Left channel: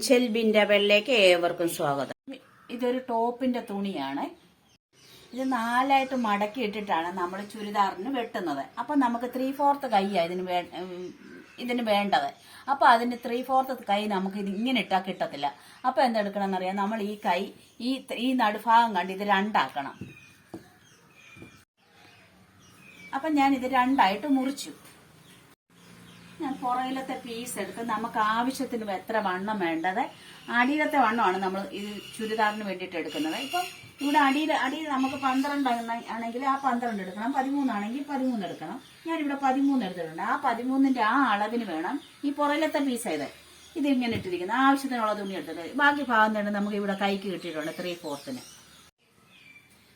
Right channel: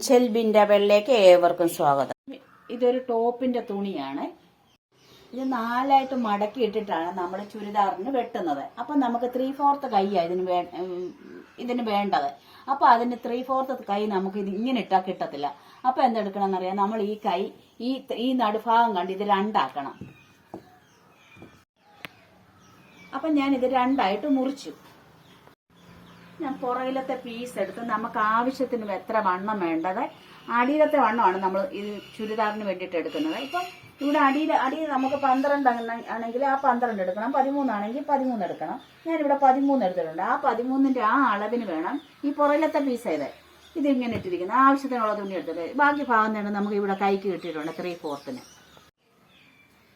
Initial ബിൻഡബലിലേക്ക് ഏവർക്കും സ്വാഗതം. ഇതൊരു ടോപ്പിന്റെ തുണിയാണ്. ഇത് നാലായിട്ട് മടക്കി ഇട്ടിട്ടാണ് നമ്മൾ ചുരിദാറിന് വെട്ടുന്നത്. അപ്പൊ നമുക്ക് ത്രീ ഫോർത്ത് കൈയാണ് ഇതിന് വേ ഇതിന് വേണ്ടത്. അപ്പൊ അതിന് ത്രീ ഫോർത്ത് കൈ നമുക്ക് ഇത് ഇങ്ങനെ ഇട്ടാൽ കിട്ടത്തില്ല. അപ്പൊ എന്തെടുക്കണം എന്നറിയാം നമ്മൾ ഈ കൈ ഈ ഈ നടുഭാഗം കണ്ട് ഇത് രണ്ടാക്കണം. അപ്പൊ ഞാൻ ഇത് രണ്ടായിട്ട് മുറിച്ചു. ഞാൻ പുറകിലത്തെ പീസ് എടുത്ത് നമുക്ക് ആവശ്യത്തിന് എത്ര വണ്ണം വേണ്ടത്? അടിയിലത്തെ വണ്ണമാണ് നമ്മൾ ഈ ചുരിദാറിന് വേണ്ടിയിട്ട് എടുക്കുന്നത്. ഇപ്പം ഇവിടെ അടിയിൽ അടിയിൽ നമുക്ക് പന്ത്രണ്ട് ആണ- ആണെങ്കിൽ ആ പന്ത്രണ്ട് എടുക്കണം. പതിമൂന്നാണെങ്കിൽ പതിമൂന്ന് എടുക്കണം. ഞാനിവിടെ പതിമൂന്ന് എടുത്തിട്ടുണ്ട്. ആ പതിമൂന്നിന്റെ ആ അളവിന് വേണം ഈ പുറകിലത്തെ പീസ് ഇത് ഇതിങ്ങനെ ഇട്ടിരിക്കുന്നത്. ആവശ്യത്തിനുള്ള തുണി എടുത്തിട്ട്. ബാക്കി ഭാഗം തന്നെ നമുക്ക് ഇവിടെ കൈക്ക് കിട്ടിയിട്ടുണ്ട് ത്രീ ഫോർത്തിന്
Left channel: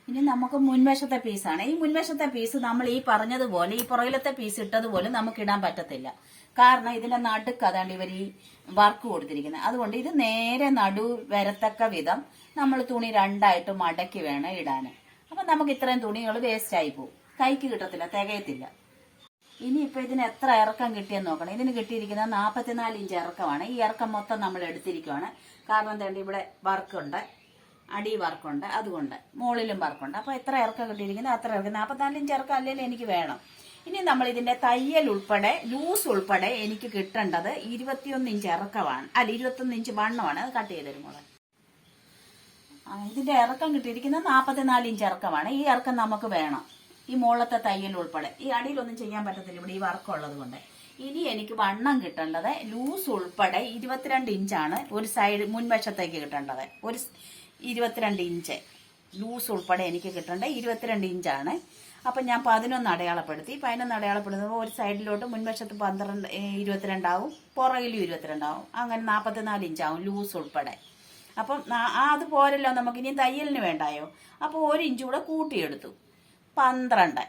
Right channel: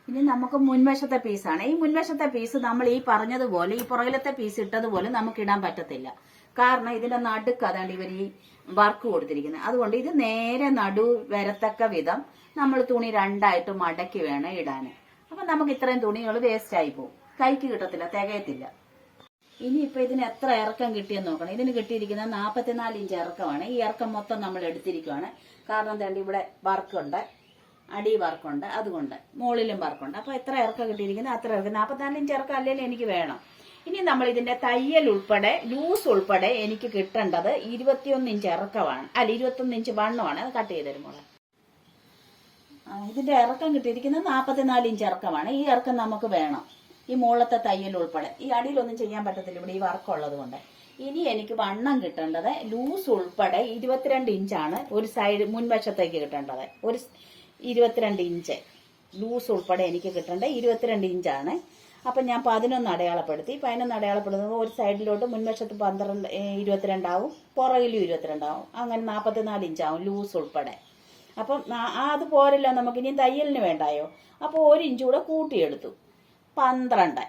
ഇനി നമുക്ക് മുൻവശത്തെ പീസാണ് ഈ മുൻവശത്തെ പീസ് നമ്മൾ ഈ പറഞ്ഞതുപോലെ ഈ പുറകിലത്തെ പീസ് ഇട്ടതുപോലെ നമുക്ക് ഇടാൻ പറ്റത്തില്ല. കാരണം ഇതിന്റെ നടുക്ക് അതാണ്ട് ഇവർ ഈ വർക്ക് കൊടുത്തിരിക്കുന്നത്. അതുകൊണ്ട് ഇത് നേരെ നടു വരത്തക്ക വിധം നമ്മൾ തുണി രണ്ടായിട്ട് മടക്കി വേണം ഇടാൻ അപ്പൊ നമുക്ക് ഇത്രയും തുണികൾ വേസ്റ്റ് ആയി പോകും. കൈക്ക് കിട്ടത്തില്ല തികയത്തില്ല. ഇനി ഇപ്പൊ ഇതിന് എത്ര ഇറക്കം കിട്ടിയെന്ന് നോക്കണം. ഇതിന് കിട്ടിയിരിക്കുന്നത് നാൽപ്പത്തിനാല് ഇഞ്ച് ഇറക്കമാണ്. ഈ ഇറക്കം മൊത്തം നമ്മൾ എടുത്തിരിക്കുവാണ്. കാരണം എന്താണ്ട് ഇവിടെ വർക്കുണ്ട് അടി വർക്കുണ്ട് അതുകൊണ്ട് മുകളിലും വർക്കുണ്ട്. അപ്പൊ എത്ര ഇറക്കം കിട്ടിയിരിക്കുന്നു അത്ര ഇറക്കം. നാൽപ്പത്തിനാലിഞ്ച് ഇറക്കം അല്ലെങ്കിൽ എനിക്ക് വേണം. ഇനി നമ്മൾ ഇതിന്റെ തയ്യൽ ഉൾപ്പെടെ ലൂസ് ഉൾപ്പെടെ എനിക്ക് കിട്ടേണ്ടത് ഇരുപത്തിയൊന്ന് ഇഞ്ച് ഇറക്കമാണ്. അല്ല ഇരുപത്തൊന്ന് ഇഞ്ച് വണ്ണമാണ്. അത് കട്ട് ചെയ്ത് തരുമ്പോൾ ഇതിന്റെ ഇറക്കം കിട്ടിയിരിക്കുന്നത് നാൽപ്പത്തിനാല് ഇഞ്ച് ഇറക്കമാണ്. ഈ ഇറക്കം നമുക്ക് വേണം. ഈ മുകളത്തെ തയ്യൽ ഉൾപ്പെടെ. ഈ അടിയിലൊന്നും ചെയ്യാൻ പറ്റത്തില്ല. ഇവിടെ ഈ വർക്ക് ഉള്ളത് കൊണ്ട്. ഇനി എനിക്ക് വണ്ണം കിട്ടേണ്ടത് ലൂസ് ഉൾപ്പെടെ ഇരുപത്തിരണ്ട് ഇഞ്ചാണ് ഒരു സൈഡ് മുൻവശത്തേക്ക് കിട്ടേണ്ടത്. ഒരു ഇരുപത്തിരണ്ട് ഇഞ്ച് ലൂസ് ഉൾപ്പെടെ എനിക്ക് കിട്ടേണ്ടത് ഇരുപത്തിരണ്ട് ഇഞ്ചാണ് അപ്പം ഞാൻ പതിനൊന്ന് അടയാളപ്പെടുത്തി. പതിനൊന്ന് അടയാളപ്പെടുത്തുമ്പോൾ ഒരു സൈഡിലോട്ട് മുൻവശത്ത് പന്ത്രണ്ട് ഇരുപത്തിരണ്ടാവും. പുറകിലും ഇരുപത്തിരണ്ടാവും. അങ്ങനെ നാൽപ്പത്തിനാല് ഇഞ്ചാവും ലൂസ് ഉൾപ്പെടെ. അപ്പം അത് പോരല്ലോ നമുക്ക്. ഇനി തയ്യലിന് വേണ്ടായോ? അപ്പോൾ ഒരു ഇഞ്ച് കൂടെ കൂട്ടിയെടുത്തു. പന്ത്രണ്ട്.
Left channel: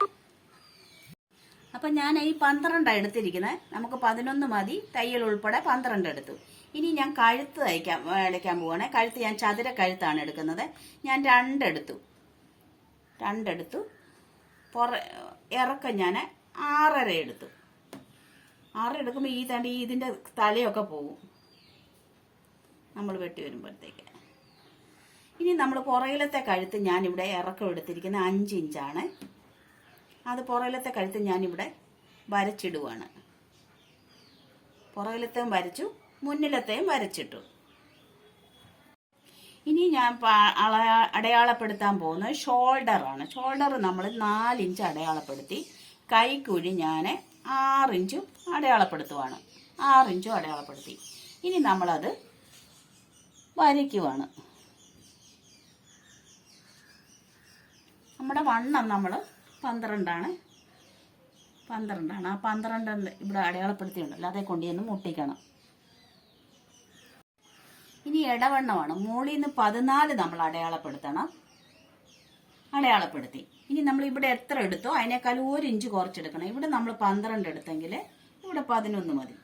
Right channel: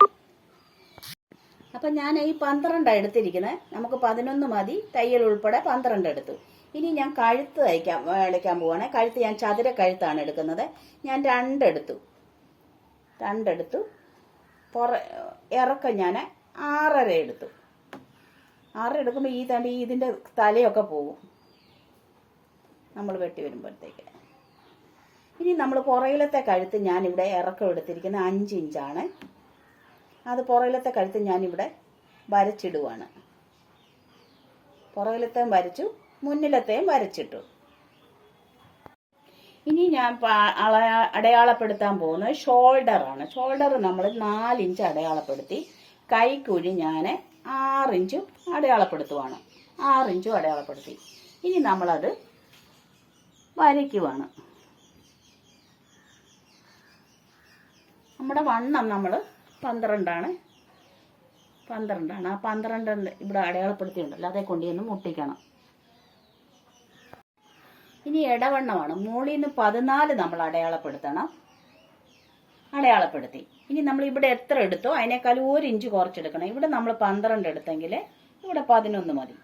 അപ്പം ഞാൻ ഈ പന്ത്രണ്ട് എടുത്തിരിക്കുന്നത് നമുക്ക് പതിനൊന്ന് മതി. തയ്യൽ ഉൾപ്പെടെ പന്ത്രണ്ട് എടുത്തു. ഇനി ഞാൻ കഴുത്ത് തയ്ക്കാൻ എടുക്കാൻ പോവാണേ. കഴുത്ത് ഞാൻ ചതുര കഴുത്താണ് എടുക്കുന്നത്. ഞാൻ രണ്ടെടുത്തു. രണ്ടെടുത്തു. പുറ ഇറക്കം ഞാൻ ആറര എടുത്തു. ആറര എടുക്കുമ്പോൾ ഈ തണ്ടി ഇതിന്റെ തലയൊക്കെ പോകും നമ്മൾ വെട്ടി വരുമ്പോഴത്തേക്ക്. ഇനി നമ്മൾ പുറകിലത്തെ കഴുത്ത് ഞാനിവിടെ ഇറക്കം എടുത്തിരിക്കുന്ന അഞ്ച് ഇഞ്ചാണ്. അത് പുറകിലത്തെ കഴുത്ത് ഞാനിവിടെ വരച്ചിടുവാണ്. പുറകിലത്തെ വരച്ചു. മുന്നിലത്തെയും വരച്ചിട്ടു. ഇനി ഞാൻ അടയാളപ്പെടുത്താൻ പോകുന്നത് ഷോൾഡർ ആണ്. ഷോൾഡർ നമ്മൾ നാലിഞ്ച് അടയാളപ്പെടുത്തി കൈക്കുഴി ഞാൻ ആറിഞ്ചും അടയാളപ്പെടുത്തുവാണ്. ആറിഞ്ചും അടയാളപ്പെടുത്തി. ഇനി നമ്മളത് വരയ്ക്കുവാണ്. നമ്മുടെ വണ്ണം നമ്മൾ പന്ത്രണ്ടാണ്. പന്ത്രണ്ടാണ്. ആ പന്ത്രണ്ട് ഇവിടെ അടയാളപ്പെടുത്തിയുണ്ടല്ലോ അതേ കൊണ്ട് ചെന്ന് മുട്ടിക്കണം. ഇനി ഇടവണ്ണമാണ് മുകളിൽ നിന്ന് പതിനാല് നമ്മൾ അടയാളപ്പെടുത്തണം. അടയാളപ്പെടുത്തി. ഇനി നമ്മൾ ഇവിടെ എത്ര എടുത്തോ അതിനേക്കാൾ ഒരു ഇഞ്ച് കുറച്ചെടുക്കണം. ഇവിടെ നമ്മൾ പന്ത്രണ്ട് എടുത്തെങ്കിൽ ഇവിടെ പതിനൊന്ന് മതി.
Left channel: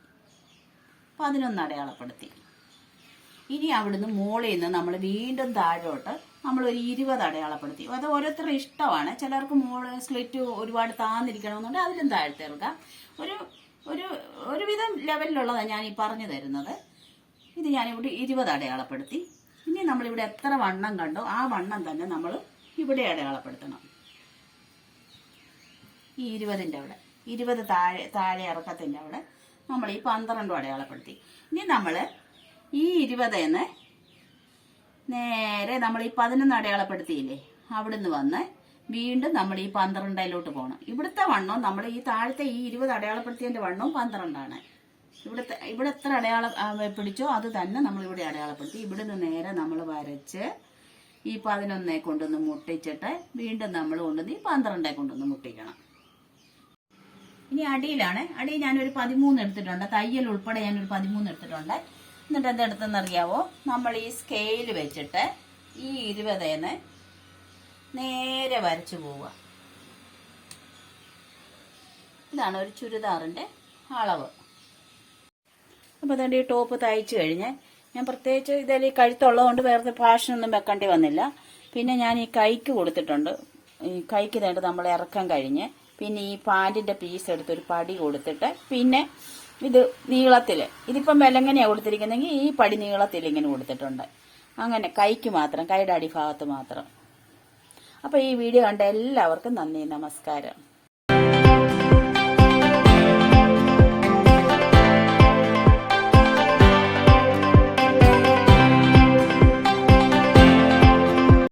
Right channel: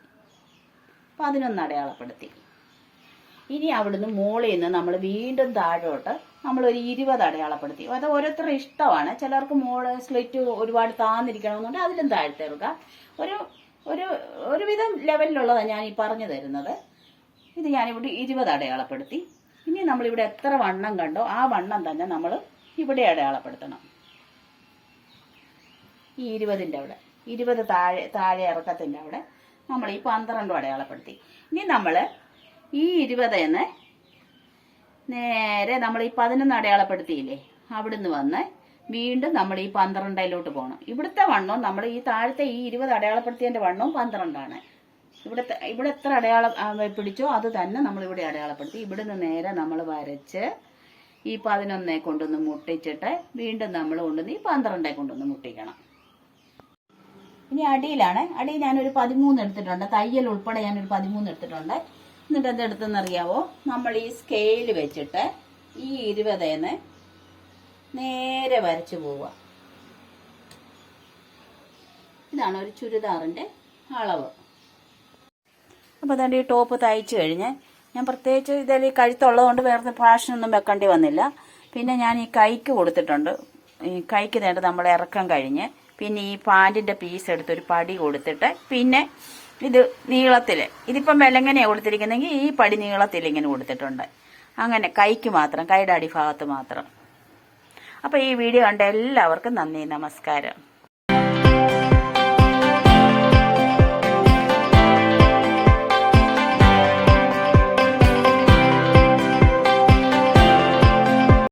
പതിനൊന്ന് അടയാളപ്പെടുത്തി. ഇനി അവിടുന്ന് മുകളിൽ നിന്ന് നമ്മൾ വീണ്ടും താഴോട്ട് നമ്മൾ ഒരു ഇരുപത് അടയാളപ്പെടുത്തി. അത് ഓരോരുത്തരുടെ ഇഷ്ടമാണ്. ചിലർക്ക് മോൾ സ്ലിറ്റ് ഒരുപാട് താന്നിരിക്കണമെന്നുണ്ട്. അതിലും താഴ്ത്തിറക്കുക ഒരു ഒരു ഒരുവിധം ലെവലിലുള്ളതാണ് ഞാൻ ഈ പറഞ്ഞു തരുന്നത്. ഇത് ഞാനിവിടെ ഇരുപത് അടയാളപ്പെടുത്തി. ഇനി നമ്മളിവിടെ എത്ര വണ്ണം കണ്ടോ ആ വണ്ണം തന്നെ നമ്മൾ ഇവിടെ അടയാളപ്പെടുത്തണം. ഈ ഇരുപതിന്റെ അവിടെ ഇരുപത് താഴെ താഴെ ഇറക്കത്തിന്റെ അവിടെ നമ്മൾ ഈ പന്ത്രണ്ടും അടയാളപ്പെടുത്തി. ഇനി നമ്മൾ ഈ ഇരുപതെന്ന് നേരെ നമ്മൾ ഈ പതിനൊന്ന് അടയാളപ്പെടുത്തിയില്ലേ അവിടുന്ന് വന്ന് വീണ്ടും നമ്മൾ ഈ പന്ത്രണ്ടിലോട്ട് പോകണം ഇവിടുത്തെ വണ്ണവും നമ്മൾ ഈ താഴത്തെ ഈ ഇരുപത് അടയാളപ്പെടുത്തിയതിന്റെ വണ്ണവും പന്ത്രണ്ടാണ്. ഇവിടുത്തെ ഇവിടെ എത്ര അടയാളം പിടിച്ചോ അത് തന്നെ നമ്മൾ ഇവിടെ അടയാളപ്പെടുത്തി. ഇവിടെ നിന്ന് നേരെ നമ്മൾ വരച്ച് ഈ പതിനൊന്നെ കൊണ്ടൊന്ന് മുട്ടിച്ചിട്ട് വീണ്ടും നമ്മൾ കൊണ്ടുവന്ന് ഈ പന്ത്രണ്ടെ കൊണ്ടൊന്ന് മുട്ടിക്കണം. ഇനി അടിയിലാണ്. അടിയിൽ ഞാനൊരു പതിമൂന്ന് എടുത്തിട്ടുണ്ട്. തയ്യൽ ഉൾപ്പെടെ ഞാനൊരു പതിമൂന്ന് എടുത്തിട്ടുണ്ട്. എന്നിട്ട് എന്തെടുത്തെന്ന് അറിയാവോ നമ്മൾ ഈ സ്കെയിൽ വെച്ചിട്ട് ഈ ഇരുപതേന്ന് നേരെ വരച്ചു പോവുക. ഇതാണ് ഒരു ചുരിദാറിന്റെ അളവ്. അപ്പോൾ അതുകൊണ്ട് ഈ ടോപ്പ് തയ്ച്ചു കഴിഞ്ഞ് ഞാൻ പ്രത്യേകിച്ച് ഇതിൽ കഴുത്തുള്ളതുകൊണ്ട് വേറെ ഫാഷനൊന്നും വെക്കേണ്ടി വന്നില്ല. പിന്നെ ഞാൻ ഈ കൈക്ക് കൊടുത്തിട്ടുണ്ട്. ഈ കൈക്ക് നേട്ട് നമ്മൾ ഇറക്കം കഴിഞ്ഞ് പിന്നെ ഈ പാന്റിന്റെ പീസ് എടുത്ത് ഒരു പടി കൊടുത്തിട്ട് പിന്നെ ഇത് നീളത്തിൽ ഇതിപ്പം വിലങ്ങനെയാണ് കൊടുത്തിരിക്കുന്നെങ്കിൽ ഈ പടി നീളത്തിൽ ഇങ്ങനെ കൊടുത്തിട്ടുണ്ട്. അങ്ങനെ കൈക്ക് മാത്രം കൈയുടെ അടിഭാഗത്ത് മാത്രം. അപ്പോൾ ഈ വീഡിയോ കണ്ട എല്ലാവർക്കും നന്ദി നമസ്കാരം.